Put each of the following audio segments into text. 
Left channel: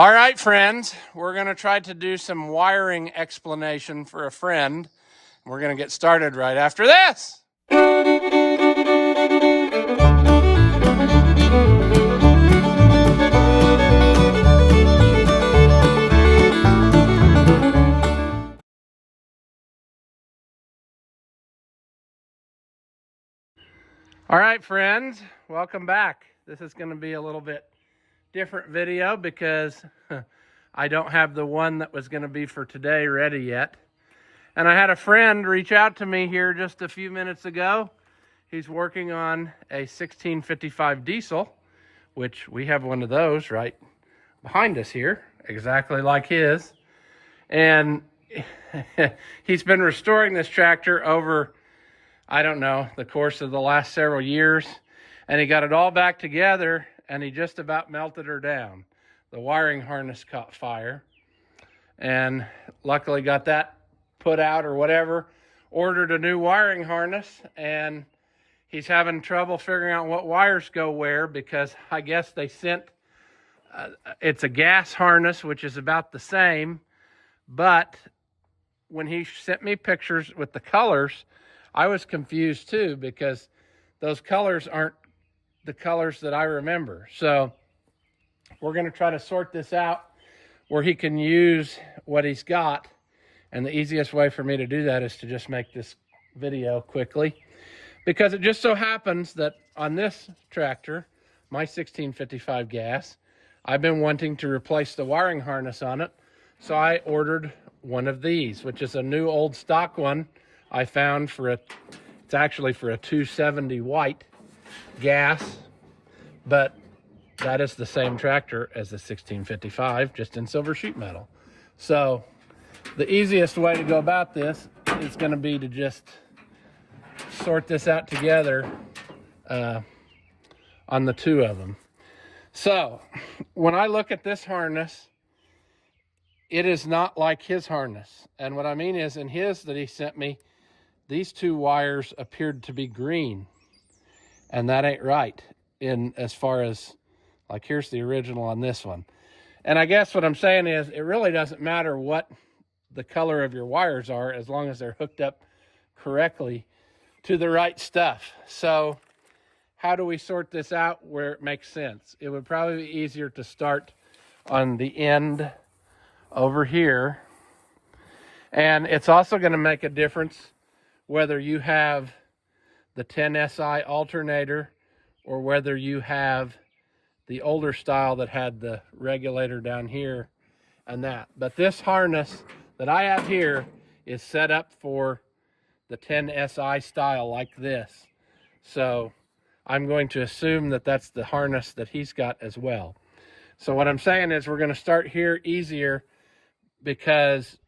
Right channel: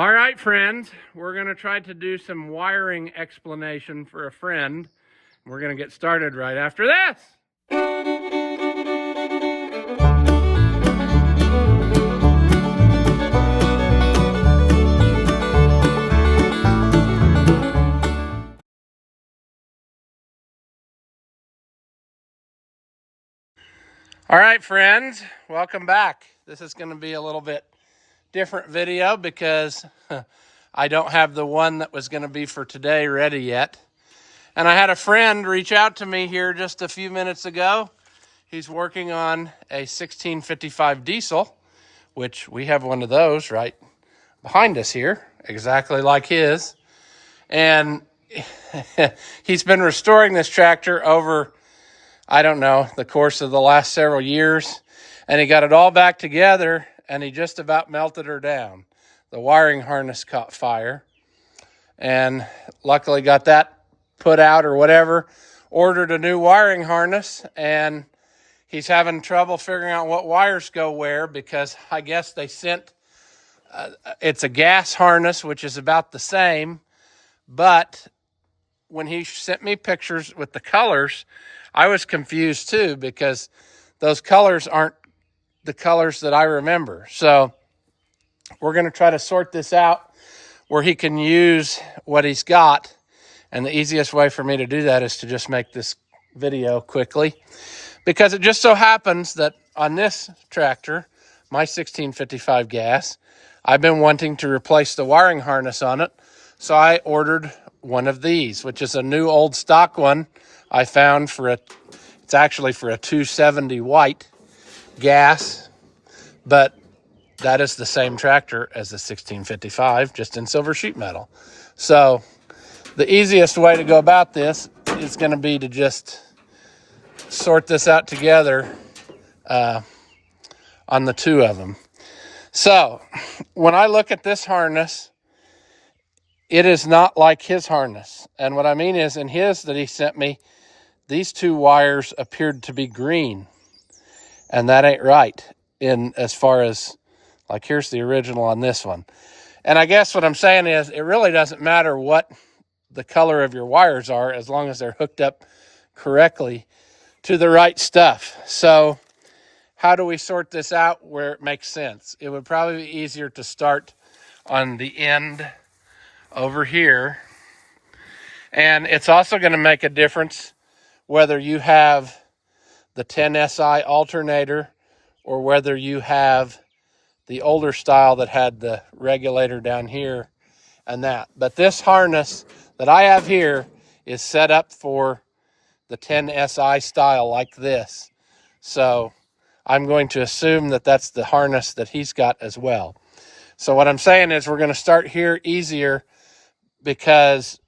All right, friends, we're going to try to do some wiring explanation for a friend. We're going to get started right after this. All right, friends, welcome back. This is going to be a little bit different video because I don't have the one that was going to be for today ready yet. And I had a friend reach out to me here just a few minutes ago. He's working on a 1655 diesel, which we have one of those right behind us here, exactly like his. And he's been restoring this tractor over, I don't know, the course of the last several years. And he got it all back together and he just about melted her down. The wiring harness caught fire and luckily got that put out or whatever. Ordered a new wiring harness, and he's having trouble figuring out what wires go where because I guess they sent, it's a gas harness, which is about the same. But when he sent me pictures with the colors, I was confused too because those colors aren't the colors that I remember. So we're going to try to sort this out where he can use what he's got. And the easiest way for me to do that is to just make this video quickly, because it just so happens that on this tractor, my 1655 gas, I've been wanting to replace the wiring harness on it. So I ordered one of these, which is a new old stock one I found it's actually for a 270 white gas, but that is the same tractor as the 1655, just in silver sheet metal. So the easiest way to go about this is going to be to just sort this out together on the two of them. So when I look at this harness, it is not like his harness. And what I mean is, in his that he sent me, these two wires appeared to be green. And that ain't right in as far as, like, here's the original on this one. And I guess what I'm saying is it really doesn't matter what the color of your wires are as long as they're hooked up correctly to the right stuff. So how do we sort this out where it makes sense? It would probably be easier to start on the end over here. And it's also going to make a difference whether you have the 10SI alternator or whether you have the older style that had the regulator down here and that. But this harness that I have here is set up for the 10SI style like this. So I'm going to assume that that's the harness that he's got as well. So what I'm saying is we're going to start here easier because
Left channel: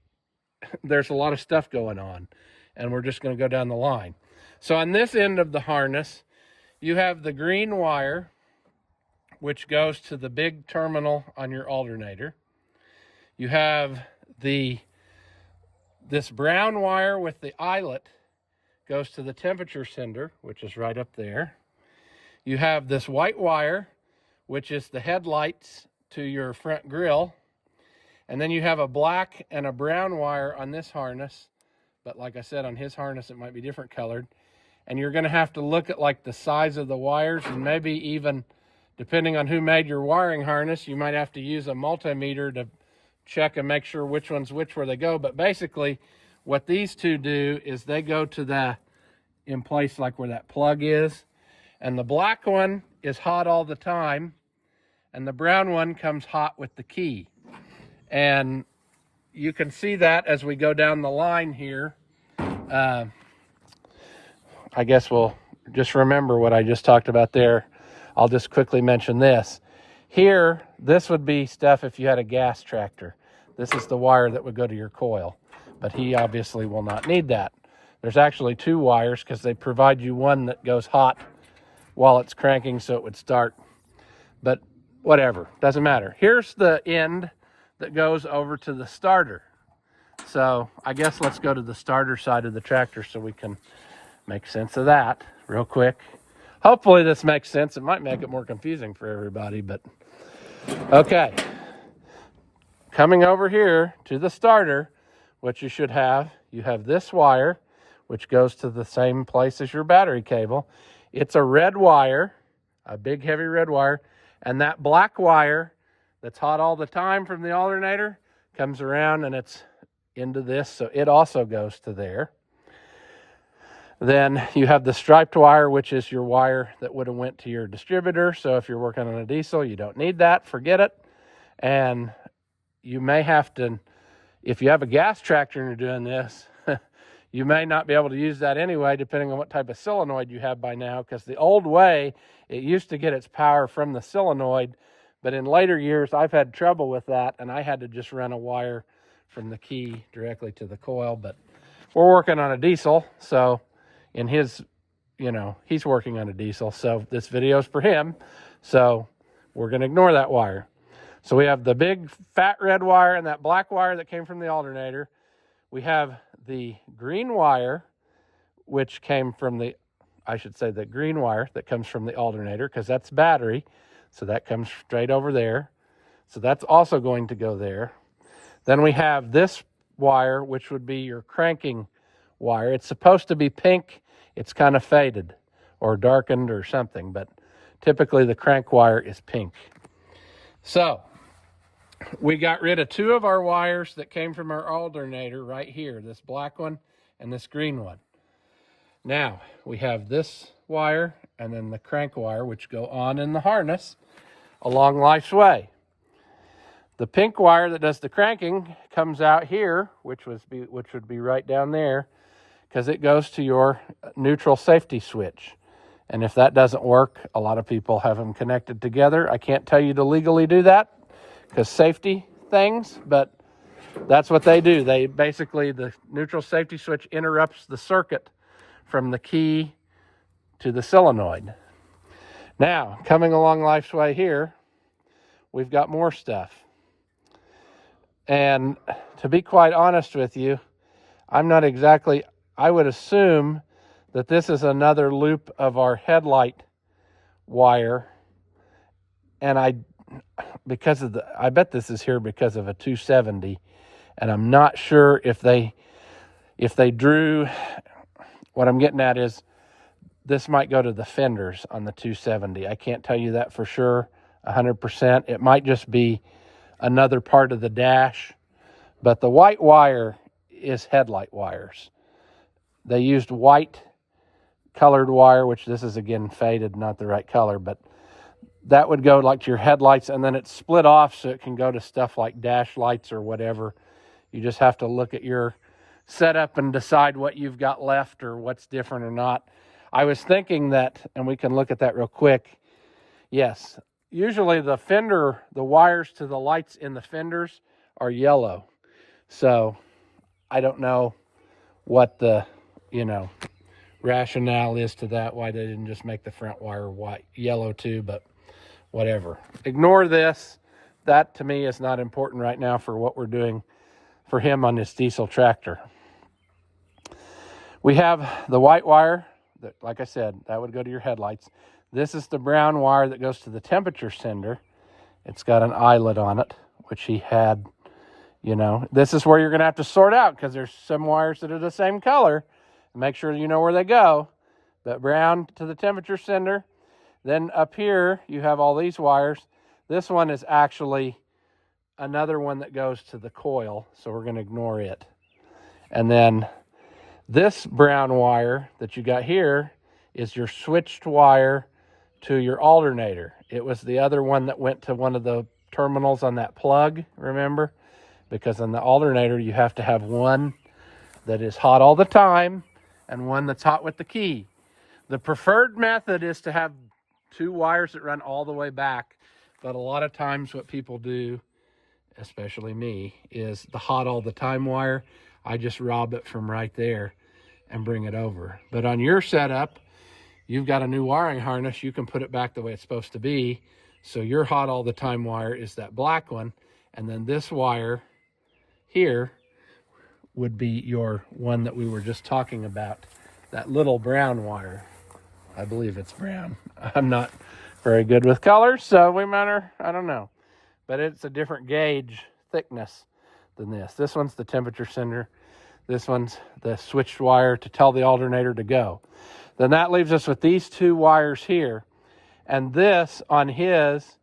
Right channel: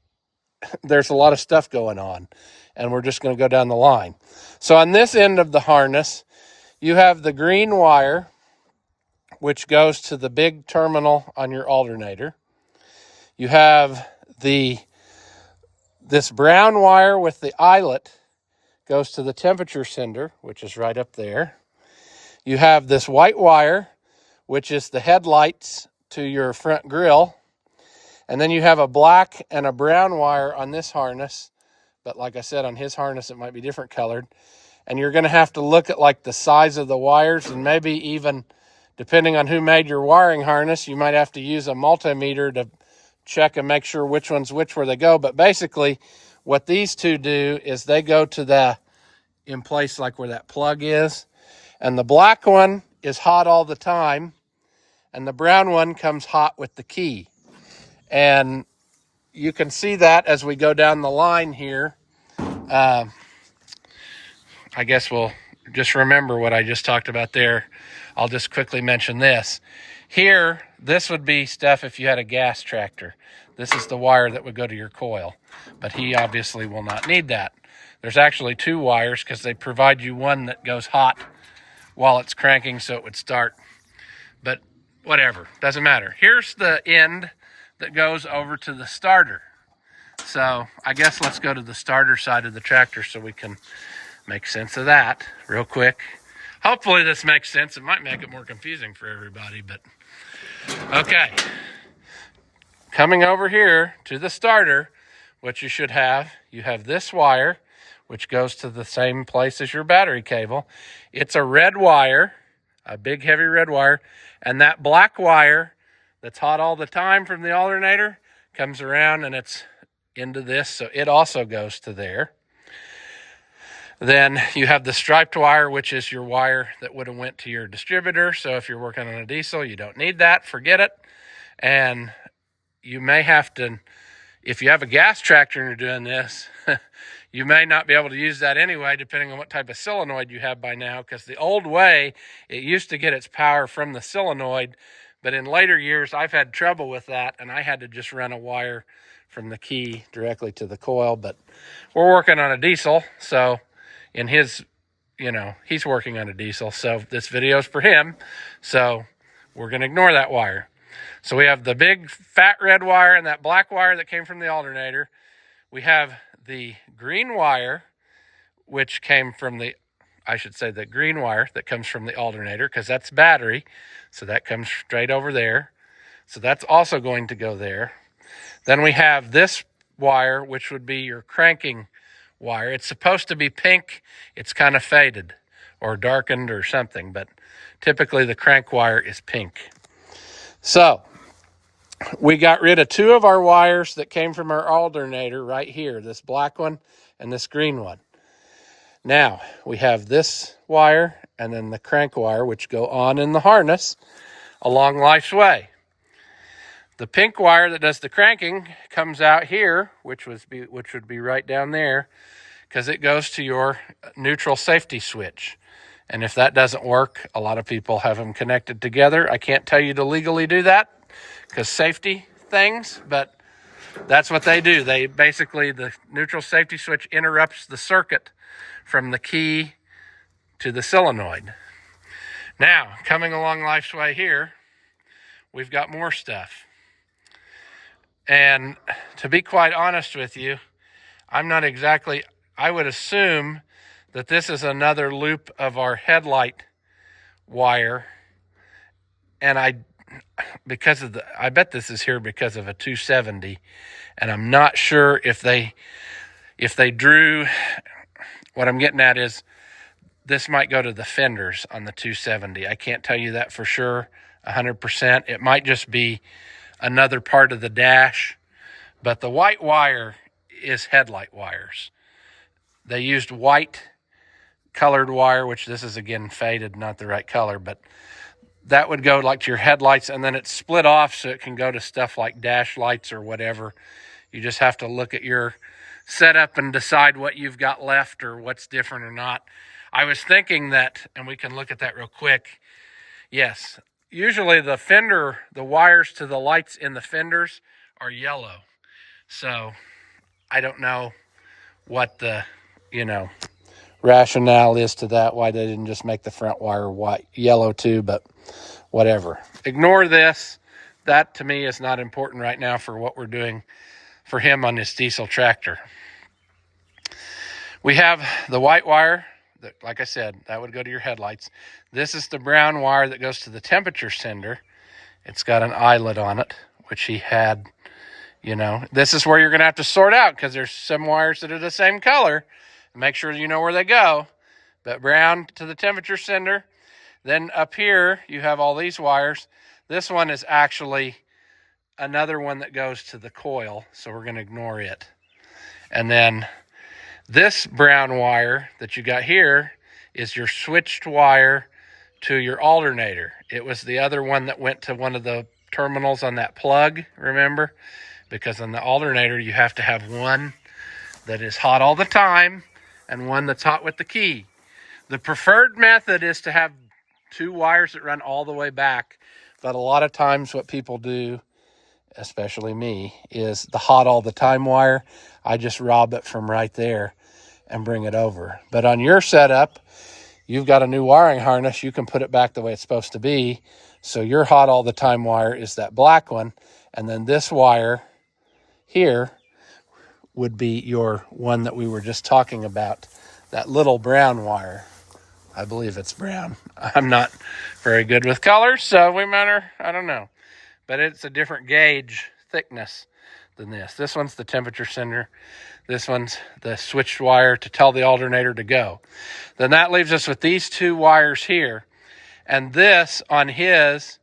there's a lot of stuff going on and we're just going to go down the line. So on this end of the harness, you have the green wire, which goes to the big terminal on your alternator. You have this brown wire with the eyelet goes to the temperature sender, which is right up there. You have this white wire, which is the headlights to your front grille. And then you have a black and a brown wire on this harness. But like I said, on his harness, it might be different colored. And you're going to have to look at like the size of the wires, and maybe even, depending on who made your wiring harness, you might have to use a multimeter to check and make sure which one's which where they go. But basically, what these two do is they go to in place like where that plug is. And the black one is hot all the time. And the brown one comes hot with the key. And you can see that as we go down the line here. I guess we'll just remember what I just talked about there. I'll just quickly mention this. Here, this would be stuff if you had a gas tractor. This is the wire that would go to your coil. But he obviously will not need that. There's actually two wires because they provide you one that goes hot while it's cranking so it would start. But whatever, doesn't matter. Here's the end that goes over to the starter. So I guess let's go to the starter side of the tractor so we can make sense of that real quick. Hopefully this makes sense. It might make it more confusing for everybody, but okay. coming over here to the starter, what you should have, you have this wire, which goes to the same place as your battery cable. It's a red wire, a big heavy red wire, and that black wire that's hot all the time from the alternator comes around and it's into this, so it also goes to there. Then you have the striped wire, which is your wire that would have went to your distributor. So if you're working on a diesel, you don't need that, forget it. And you may have to, if you have a gas tractor and you're doing this, you may not be able to use that anyway, depending on what type of solenoid you have by now, because the old way, it used to get its power from the solenoid, but in later years, I've had trouble with that, and I had to just run a wire from the key directly to the coil. But we're working on a diesel, so in his, he's working on a diesel, so this video is for him, so we're going to ignore that wire. So we have the big fat red wire and that black wire that came from the alternator. We have the green wire, which came from the, the green wire that comes from the alternator, because that's battery. So that comes straight over there. So that's also going to go there. Then we have this wire, which would be your cranking wire. It's supposed to be pink. It's kind of faded or darkened or something, but typically the crank wire is pink. So we got rid of two of our wires that came from our alternator right here, this black one and this green one. Now we have this wire and then the crank wire, which go on in the harness along life's way. The pink wire that does the cranking comes out here, which would be right down there, because it goes to your neutral safety switch. And if that doesn't work, a lot of people have them connected together. I can't tell you to legally do that, because safety things, but that's what they do. They basically, the neutral safety switch interrupts the circuit from the key to the solenoid. Now, coming along life's way here, we've got more stuff. And to be quite honest with you, I would assume that this is another loop of our headlight wire. And I bet this is here because of a 270, and I'm not sure if they drew. What I'm getting at is this might go to the fenders on the 270. I can't tell you that for sure, 100%. It might just be another part of the dash, but the white wire is headlight wires. They used white colored wire, which this is again faded, not the right color, but that would go like to your headlights, and then it's split off so it can go to stuff like dash lights or whatever. You just have to look at your setup and decide what you've got left or what's different or not. I was thinking that, and we can look at that real quick. Yes, usually the wires to the lights in the fenders are yellow. So I don't know what the, rationale is to that, why they didn't just make the front wire yellow too, but whatever. Ignore this. That to me is not important right now for what we're doing for him on this diesel tractor. We have the white wire that, like I said, that would go to your headlights. This is the brown wire that goes to the temperature sender. It's got an eyelet on it, which he had, This is where you're going to have to sort out, because there's some wires that are the same color. Make sure you know where they go. But brown to the temperature sender. Then up here, you have all these wires. This one is actually another one that goes to the coil, so we're going to ignore it. And then this brown wire that you got here is your switched wire to your alternator. It was the other one that went to one of the terminals on that plug, remember? Because on the alternator, you have to have one that is hot all the time and one that's hot with the key. The preferred method is to have two wires that run all the way back, but a lot of times what people do, especially me, is the hot all the time wire. I just rob it from right there and bring it over. But on your setup, you've got a new wiring harness. You can put it back the way it's supposed to be. So your hot all the time wire is that black one, and then this wire here would be your one that we were just talking about, that little brown wire. I believe it's brown. I'm not very good with colors, so I don't know. But it's a different gauge thickness than this. This one's the temperature sender. This one's the switched wire to tell the alternator to go. Then that leaves us with these two wires here. And this on his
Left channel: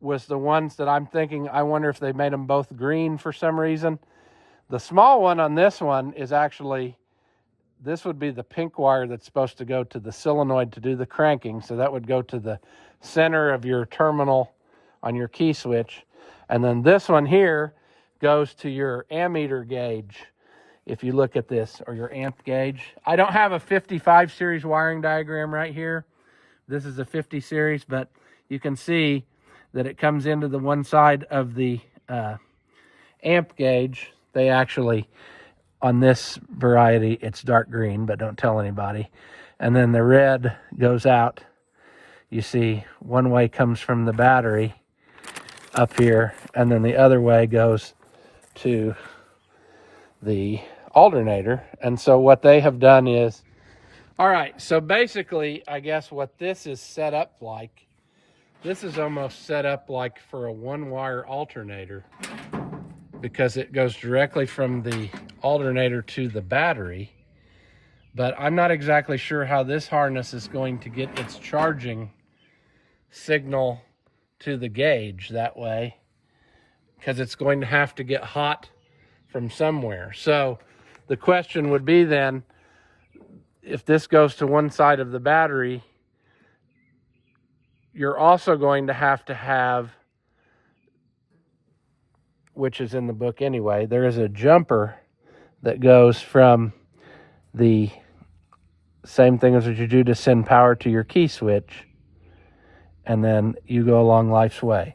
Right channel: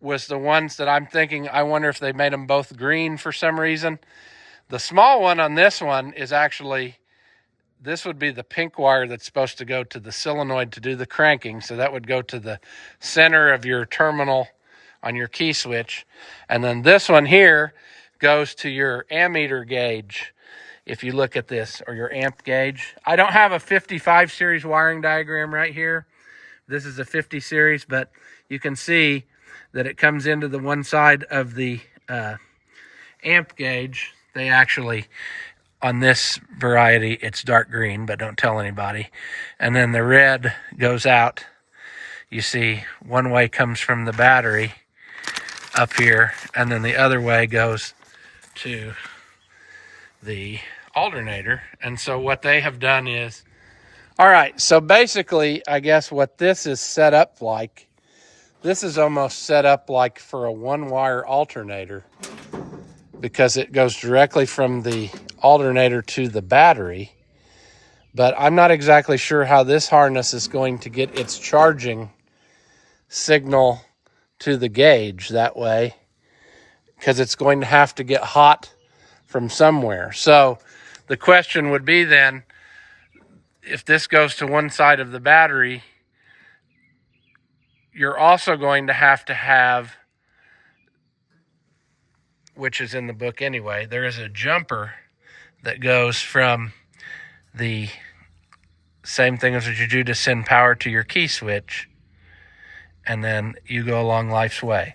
was the ones that I'm thinking, I wonder if they made them both green for some reason. The small one on this one is actually, this would be the pink wire that's supposed to go to the solenoid to do the cranking. So that would go to the center of your terminal on your key switch. And then this one here goes to your ammeter gauge. If you look at this, or your amp gauge. I don't have a 55 series wiring diagram right here. This is a 50 series, but you can see that it comes into the one side of the amp gauge. They actually, on this variety, it's dark green, but don't tell anybody. And then the red goes out. You see, one way comes from the battery up here, and then the other way goes to the alternator. And so what they have done is, all right, so basically, I guess what this is set up like, this is almost set up like for a one-wire alternator, because it goes directly from the alternator to the battery. But I'm not exactly sure how this harness is going to get its charging signal to the gauge that way, because it's going to have to get hot from somewhere. So the question would be then, if this goes to one side of the battery, you're also going to have, which is in the book anyway, there is a jumper that goes from the same thing as what you do to send power to your key switch, and then you go along life's way.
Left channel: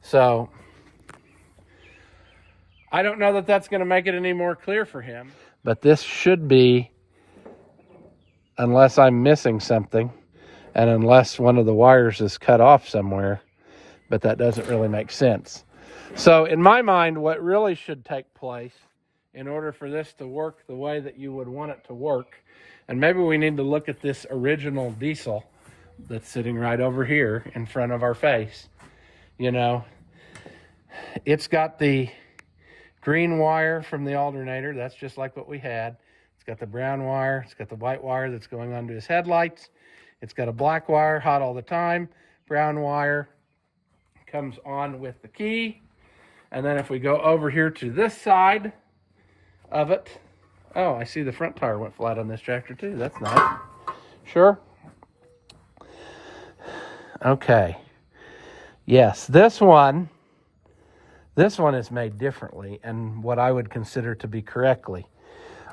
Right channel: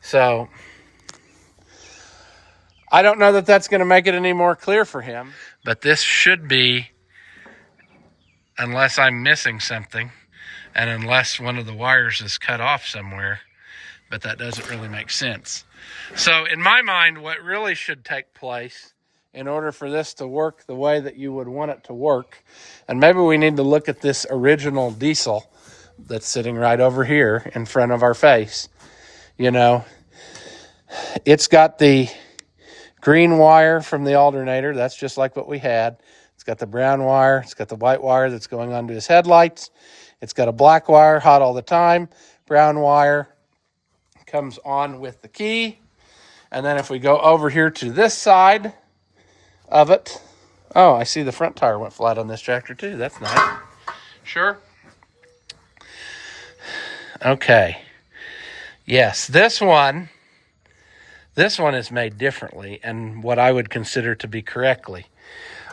So I don't know that that's going to make it any more clear for him, but this should be, unless I'm missing something, and unless one of the wires is cut off somewhere, but that doesn't really make sense. So in my mind, what really should take place in order for this to work the way that you would want it to work, and maybe we need to look at this original diesel that's sitting right over here in front of our face. You know, it's got the green wire from the alternator. That's just like what we had. It's got the brown wire. It's got the white wire that's going onto his headlights. It's got a black wire, hot all the time. Brown wire comes on with the key. And then if we go over here to this side of it, oh, I see the front tire went flat on this tractor too. That's nice. Sure. Okay. Yes, this one is made differently, and what I would consider to be correctly.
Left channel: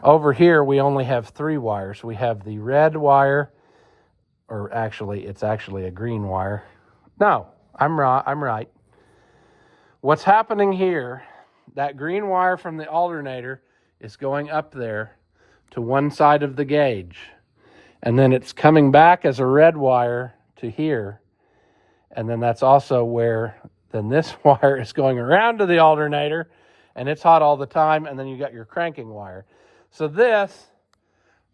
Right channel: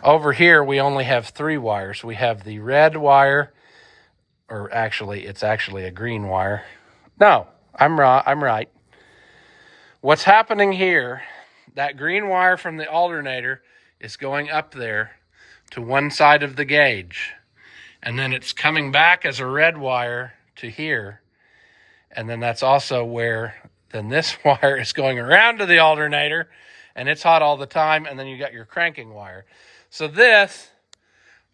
Over here, we only have 3 wires. We have the red wire, or actually, it's actually a green wire. No, I'm right. What's happening here, that green wire from the alternator is going up there to one side of the gauge, and then it's coming back as a red wire to here, and then that's also where then this wire is going around to the alternator, and it's hot all the time, and then you got your cranking wire. So this,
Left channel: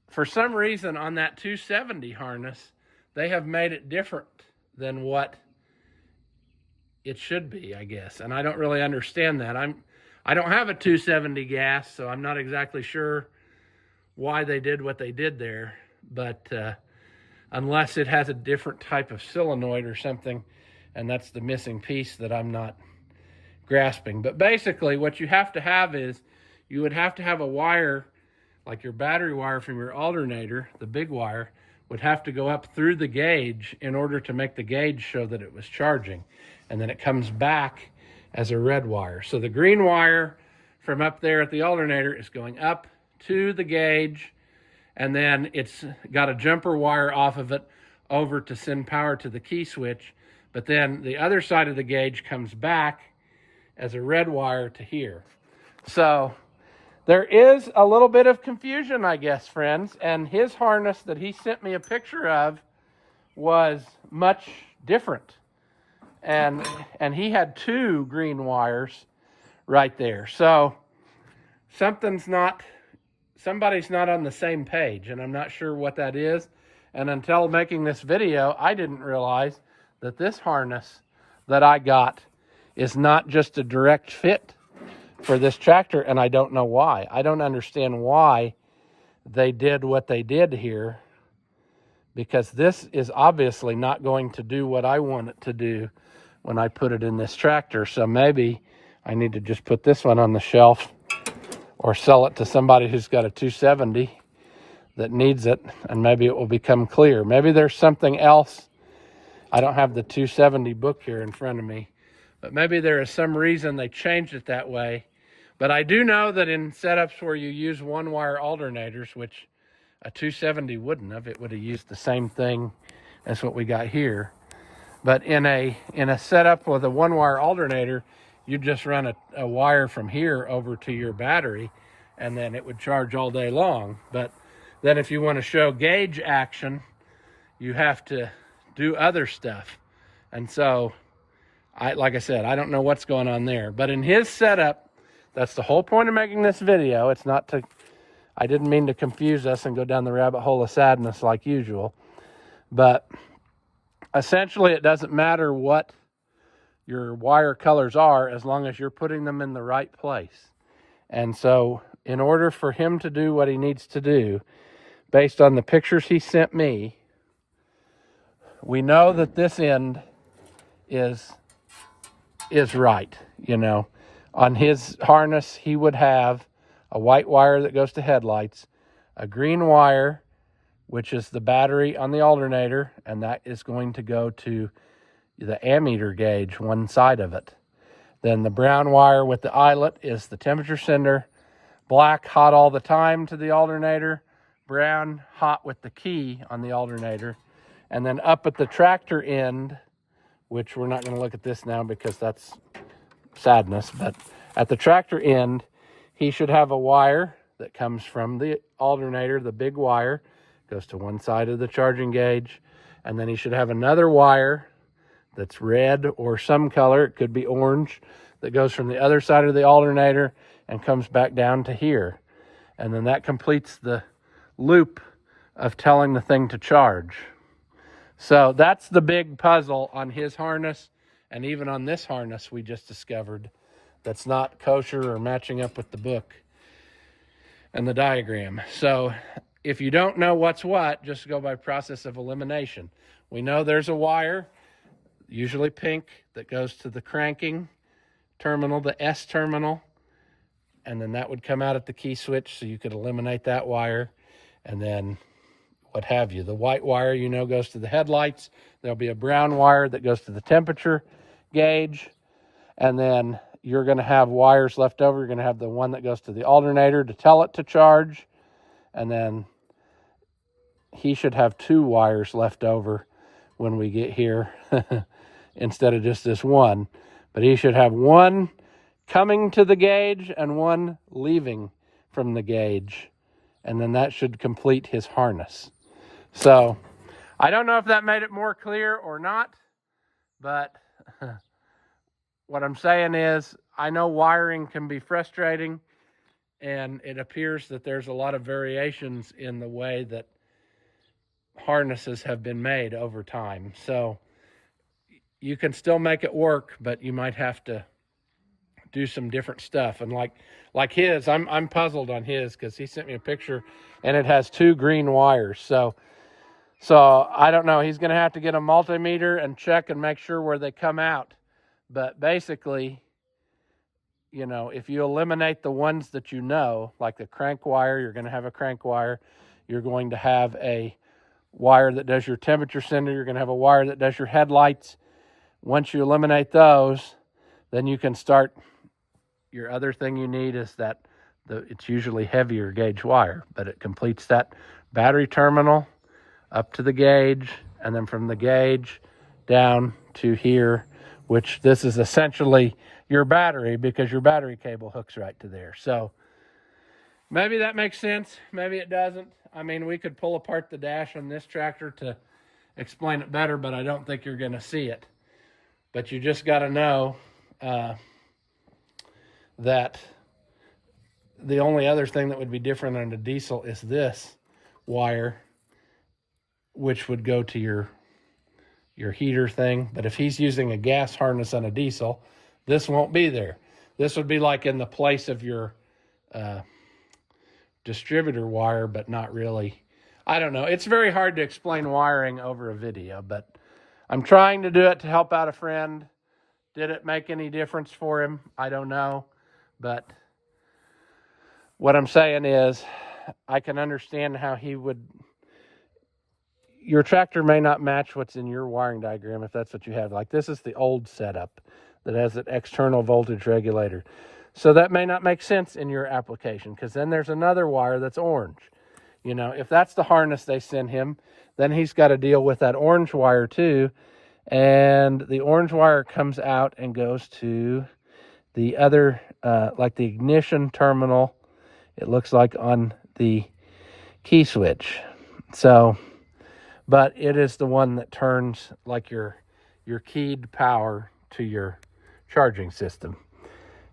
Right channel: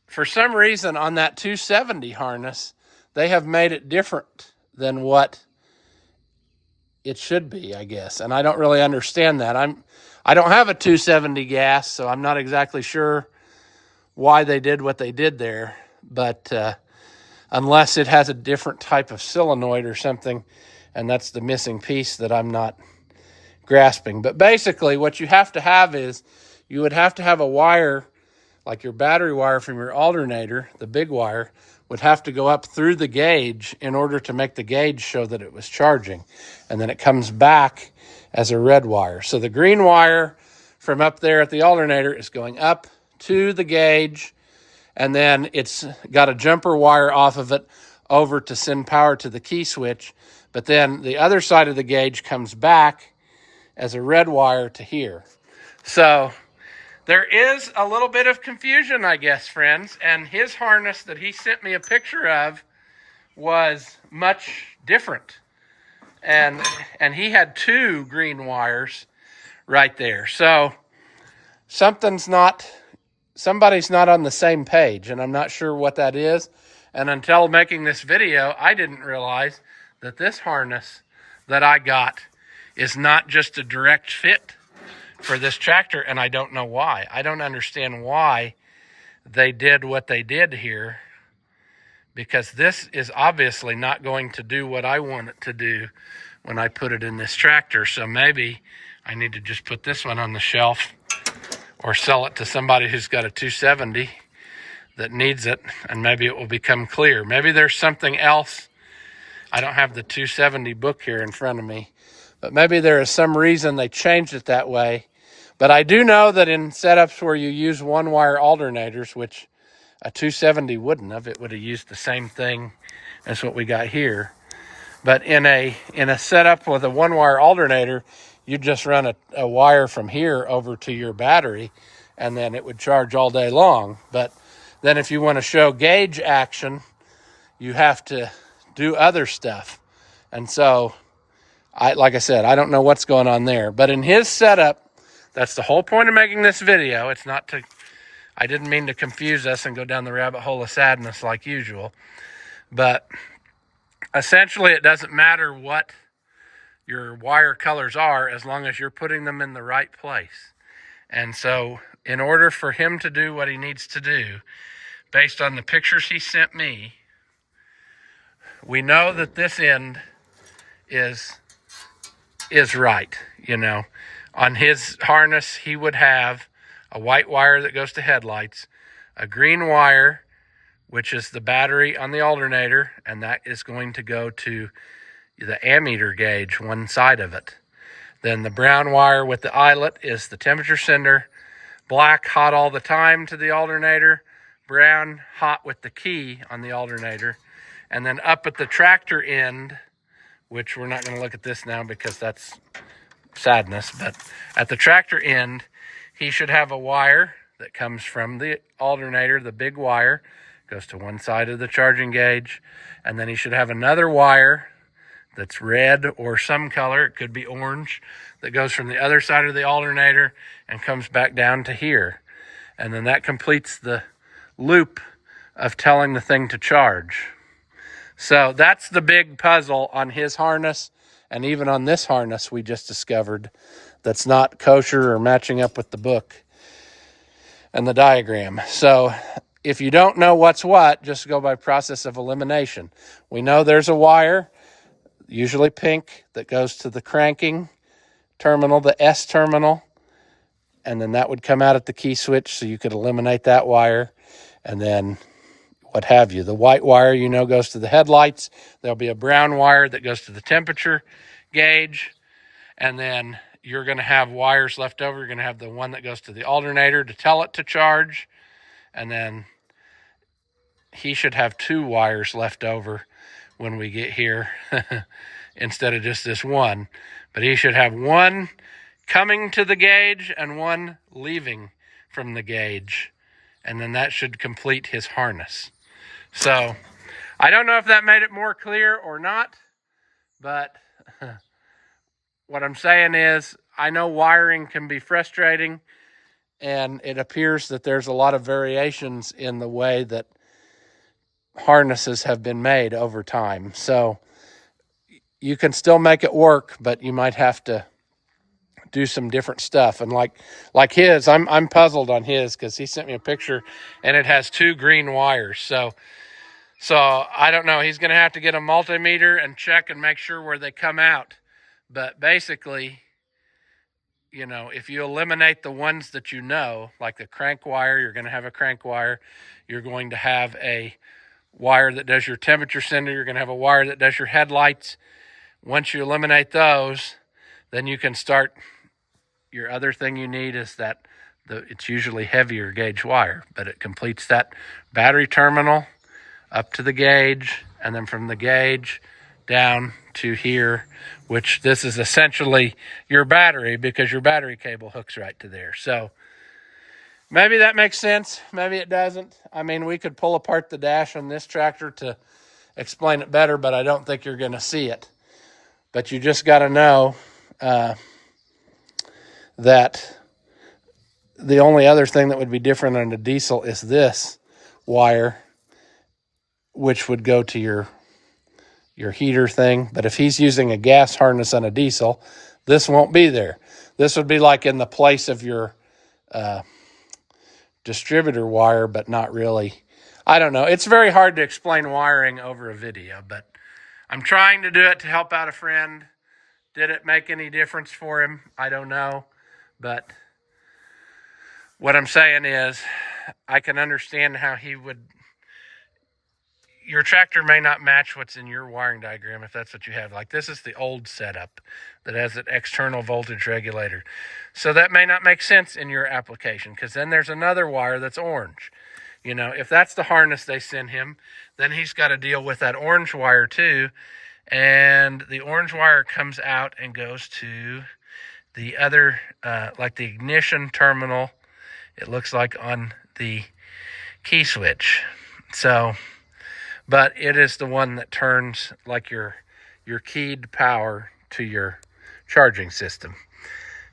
for some reason on that 270 harness, they have made it different than what it should be, I guess. And I don't really understand that. I don't have a 270 gas, so I'm not exactly sure why they did what they did there. But unless it has a different type of solenoid or something, and that's the missing piece that I'm not grasping. But basically what you have to have is, you would have to have a wire, like your battery wire from your alternator, the big wire, would have to go up through the gauge in order to make the gauge show that it was charging. And then it comes back as a red wire. So the green wire from up there at the alternator is going up to the gauge, and then it's got a jumper wire off of it over to send power to the key switch. But then the other side of the gauge comes back as a red wire to here. So there is a little bit of confusion, I guess, friends, and his harness that he sent me a picture of was much different. And he had 2 green wires right there. So somebody's not on the same page, and I'm not sure what that is. And until making this video, I didn't realize that this harness that I got is not just a direct fit for this tractor, and I don't know why. I don't understand why they did what they did here, because this is obviously not going to do what I want it to do when I put it in this tractor. So maybe I need to just put this one on the shelf or sell it to somebody who's got a 270 that needs it, and maybe it will become clear. Maybe there's something else. I don't have the 270 book here in front of me, but maybe there is some reason they changed it that way. But I do know that in setups where you use one-wire alternators, which a 270 wouldn't have, it would have used the same thing as what we got here. But in a setup with a one-wire alternator, you just run a wire from here over to your battery, and then it would charge all day long. But then if you want to show gauge action, you have to do other stuff. And so, like I said, I don't know what's going on there. But in his setup, that's the whole point of making this video. It's not to, I didn't mean to confuse us and go down the rabbit hole of sadness like usual. But essentially, it doesn't matter what your wire colors are as long as you're putting them in the right place. And so in order for him to do what he needs to do, based on the pictures he sent me, we know that this end is right. You know, on his harness, he would have a white wire that goes to headlights, a green wire, which is the battery on the alternator, and that is going to go to the ammeter gauge, one side of it. Then the brown wire with the eyelet is the temperature sender. Black, hot all the time to the alternator. Brown, hot with the key on the alternator. And then up at the tractor end, which we're not going to look at this now because that's sadness, but at the tractor end, he should have a wire that comes from the alternator, the big wire, goes to one side of the charging gauge, and then he should have another wire that's red or some color, it could be orange, that goes from the other side of the alternator and comes back down to here. And then that completes the loop of telling the thing to charge. So that's the big puzzle on his harness, and even on this harness we just discovered that's not kosher or matching up with the book and the diagram. So if you don't know what's what, just go by process of elimination. We know there's a wire, usually pink, that goes to the cranking terminal, the S terminal, and then that would come out at the key switch, so you could eliminate that wire, and then what have you. The white wire, you know, goes to the headlights. There'll be a brown wire that goes to the temperature gauge, and then you're going to have wires left over. You're going to have the one that goes to the alternator to tell it to charge, and then he should have two wires left over when we get here instead of just this one. But he should have one coming to the gauge and one leaving from the gauge, and then that should complete his harness. So I don't know if that made it more clear or not, but what I'm saying is I know wiring can be frustrating, and it appears that there's a lot of variations in the way that harnesses have been made over time. So you can still make it work, but you might have to do some different stuff. And like his, I'm puzzled on his because he sent me a picture and it has two green wires. So I don't know. He's going to have to get a multimeter and check and make sure where they come out. But basically, you know, if you eliminate the ones that you know, like the crank wire, you're going to have a crank wire. You're going to have a wire that does your temperature sender. You're going to have a wire that does your headlights. Once you eliminate those, then you can start. Your other thing you need is that it's usually heavier gauge wire, but it completes that battery terminal up to the gauge, and then from the gauge down to here, which this is essentially your battery because your battery cable hooks right to there. So maybe that makes sense. Maybe it doesn't. I mean, we could pull apart the dash on this tractor to explain it better, but I don't think you're going to see it. But you just got to know that the only other thing that would be different on a diesel is this wire, which would go to your heater thing. But if he's using a gas harness on a diesel, this won't be there. This would be like in the place of your distributor wire, but not really. I don't know. It's very hard to explain wiring over a video, but I'm trying to do it to help out a friend. Did it make any difference for him? I don't know. But what I'm saying is I can understand how he would... Your tractor may not match what's in your wiring diagram if that's what you have. Like this is the old setup that has an external voltage regulator. So that may not make sense in your application, because then there's another wire that's orange. You know, if that's the harness they send him, then he's got to deal with that orange wire too. And the orange wire comes out and goes to the other, like the ignition terminal, it looks like, on the key switch. So, but it is the one that turns like your keyed power to your charging system.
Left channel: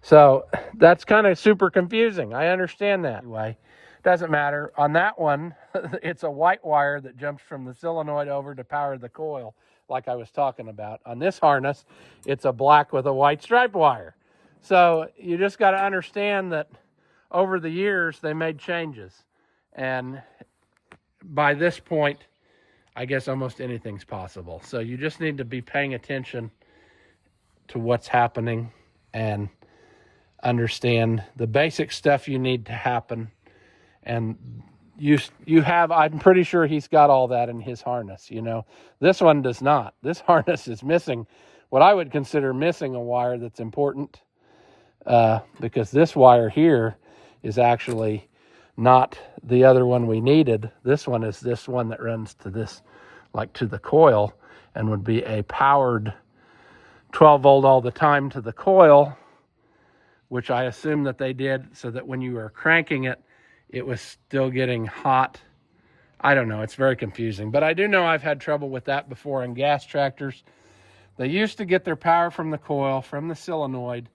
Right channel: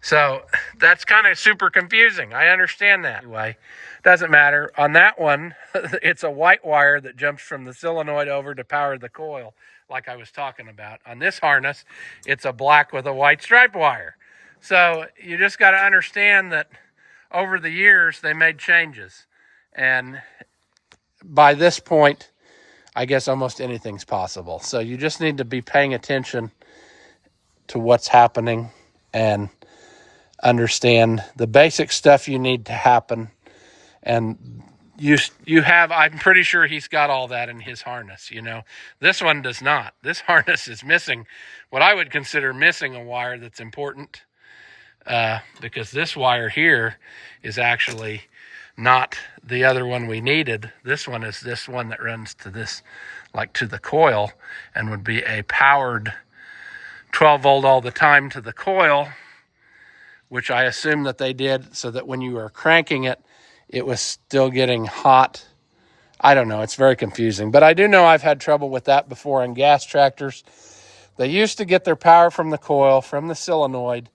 So that's kind of super confusing. I understand that. Anyway, doesn't matter. On that one, it's a white wire that jumps from the solenoid over to power the coil, like I was talking about. On this harness, it's a black with a white stripe wire. So you just got to understand that over the years, they made changes. And by this point, I guess almost anything's possible. So you just need to be paying attention to what's happening and understand the basic stuff you need to happen. And you have, I'm pretty sure he's got all that in his harness, you know. This one does not. This harness is missing what I would consider missing a wire that's important, because this wire here is actually not the other one we needed. This one is this one that runs to this, like to the coil, and would be a powered 12 volt all the time to the coil, which I assume that they did so that when you were cranking it, it was still getting hot. I don't know. It's very confusing. But I do know I've had trouble with that before on gas tractors. They used to get their power from the coil, from the solenoid,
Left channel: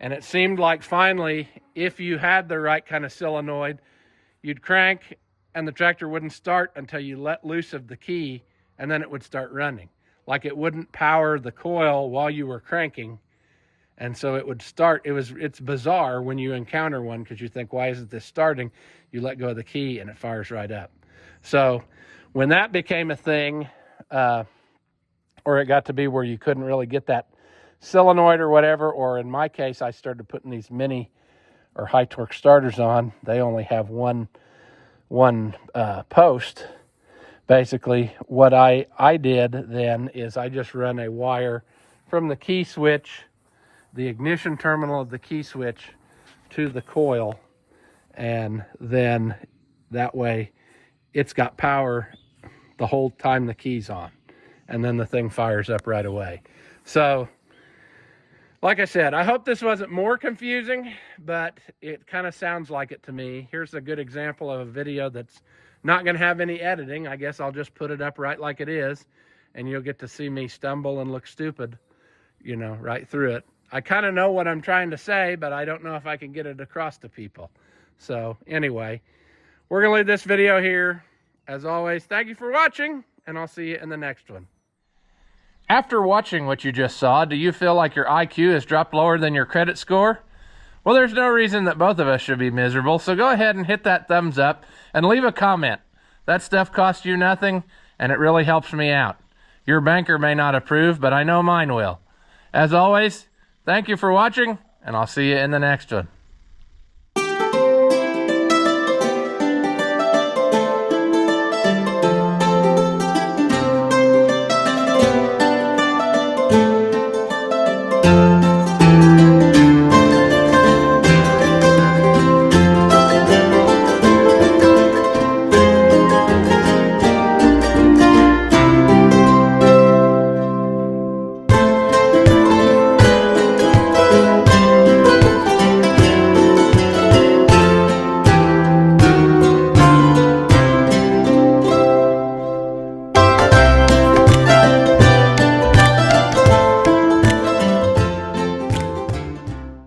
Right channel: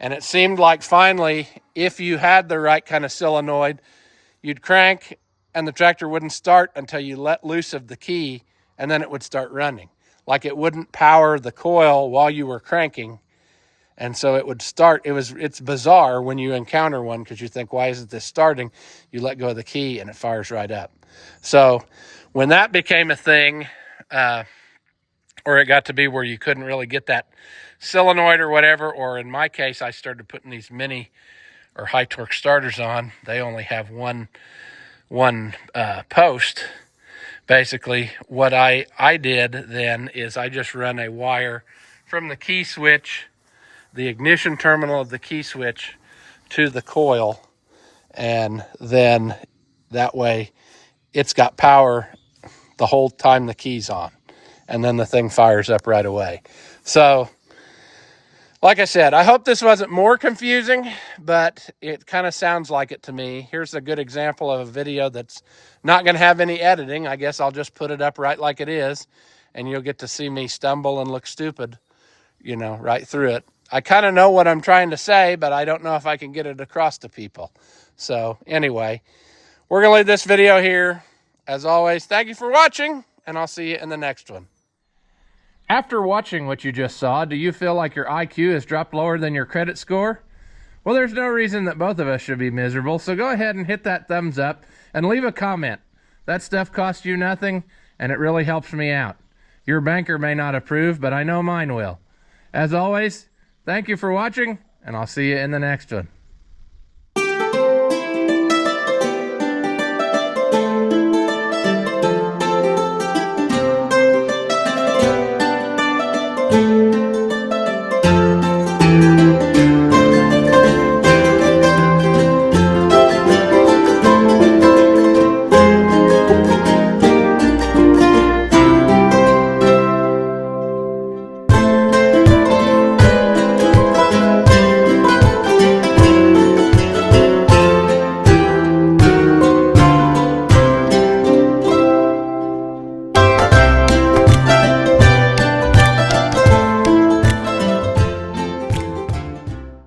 and it seemed like finally, if you had the right kind of solenoid, you'd crank and the tractor wouldn't start until you let loose of the key, and then it would start running. Like it wouldn't power the coil while you were cranking. And so it would start. It's bizarre when you encounter one, because you think, why isn't this starting? You let go of the key and it fires right up. So when that became a thing, or it got to be where you couldn't really get that solenoid or whatever, or in my case, I started putting these mini or high torque starters on. They only have one post. Basically, what I did then is I just run a wire from the key switch, the ignition terminal of the key switch, to the coil, and then that way it's got power the whole time the key's on, and then the thing fires up right away. So like I said, I hope this wasn't more confusing, but it kind of sounds like it to me. Here's a good example of a video that's not going to have any editing. I guess I'll just put it up right like it is, and you'll get to see me stumble and look stupid, you know, right through it. I kind of know what I'm trying to say, but I don't know if I can get it across to people. So anyway, we're going to leave this video here. As always, thank you for watching, and I'll see you in the next one. After watching what you just saw, do you feel like your IQ has dropped lower than your credit score? Well, there's no reason that both of us should be miserable, so go ahead and hit that thumbs up and leave a comment. That stuff costs you nothing, and it really helps me out. Your banker may not approve, but I know mine will. As always, thank you for watching, and I'll see you in the next one.